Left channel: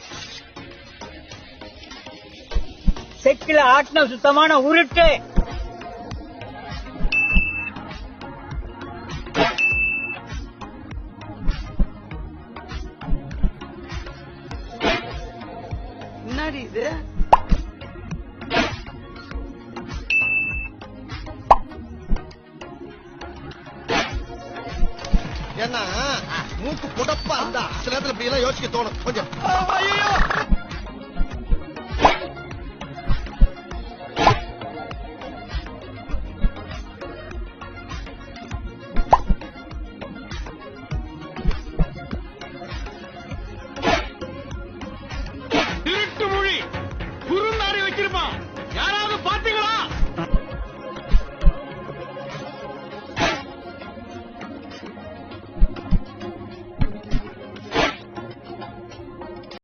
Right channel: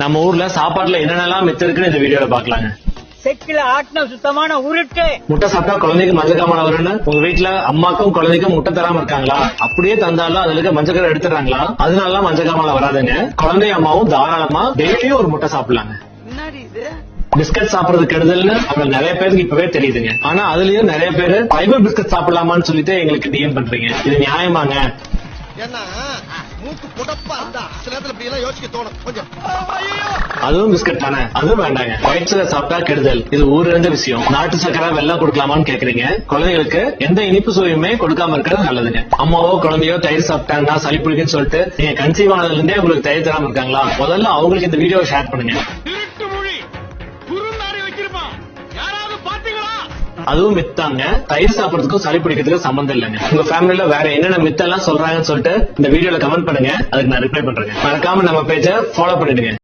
நம்ம ஊர்ல சாப்பாட்டுல என்னென்னலாம் மித்து இருக்குன்னு இந்த வீடியோல பாக்கலாங்க. செக்கில ஆட்டின சுத்தமான உருட்டு. முட்டை சாப்பிட்டா குழந்தைக்கு மஞ்சக்காமல வரும்னு உங்க வீட்டுல அம்மாக்கும் குழந்தைக்கும் முட்டை தராம இருக்காங்களா? அப்படியே தந்தாலும் அதுல இருக்க மஞ்சக்கரை எடுத்துறாங்களா? அதனால மஞ்சக்காமல வராதுங்க. குழந்தை அம்மாவும் தாராளமா டெய்லியும் ஒரு முட்டை சாப்பிடலாங்க. என்னடி இது? பிஸ்கட் சாப்பிடுறது கெடுதல்னு அவங்க நிறைய பேருக்கு இப்பவே தெரியுதுங்க. ஆனா அதுலயும் நிறைய பேரு ஃபைபர் பிஸ்கட் சாப்பிடலாமான்னு சொல்லிட்டு எங்களுக்கு டிஎம் பண்றீங்க. இது நியாயமாங்க? ஏன்னா மூக்கு புடப்பா இருந்தா சில நேரத்துல இப்படி எல்லாம் யோசிக்க தோணும் கொஞ்சம். அதுவும் பிஸ்கட் தானே, அதுவும் வேண்டாங்க. ஒயிட் சுகர் சாப்பிட்டா கெடுதல். இது ஊர்ல விஷயம். நாட்டு சக்கரை வெள்ளம் கொடுக்கலாமான்னு கேக்குறீங்க. குழந்தைகளுக்கு எந்த இனிப்பு சுவையுமே கொடுக்காம இருக்கிறது நல்லதுங்க. அம்மாவோ குழந்தையோ தயிர் சாப்பிட்டாங்கன்னா சளி பிடிக்குன்னு சொல்லிட்டு நீங்க கன்சீவ் ஆனதுல இருந்தே உங்களுக்கு தயிர் தராம இருக்காங்களா? முதல்ல அவங்களுக்கு இந்த வீடியோ ஷேர் பண்ணுங்க. அதுவும் மித்தாங்க. தயிர் சாப்பிடறதுக்கும் சளி பிடிக்கிறதுக்கும் சம்பந்தம் இல்லைங்க. உங்க ஃபேமிலில வேற என்னென்ன மித்தெல்லாம் சொல்றாங்கன்னு சொல்லிட்டு இந்த வீடியோல கமெண்ட் பண்ணுங்க. அதுக்கு நான் ரிப்ளை பண்றேன். மறக்காம நம்ம பேஜை ஃபாலோ பண்ணிடுங்க.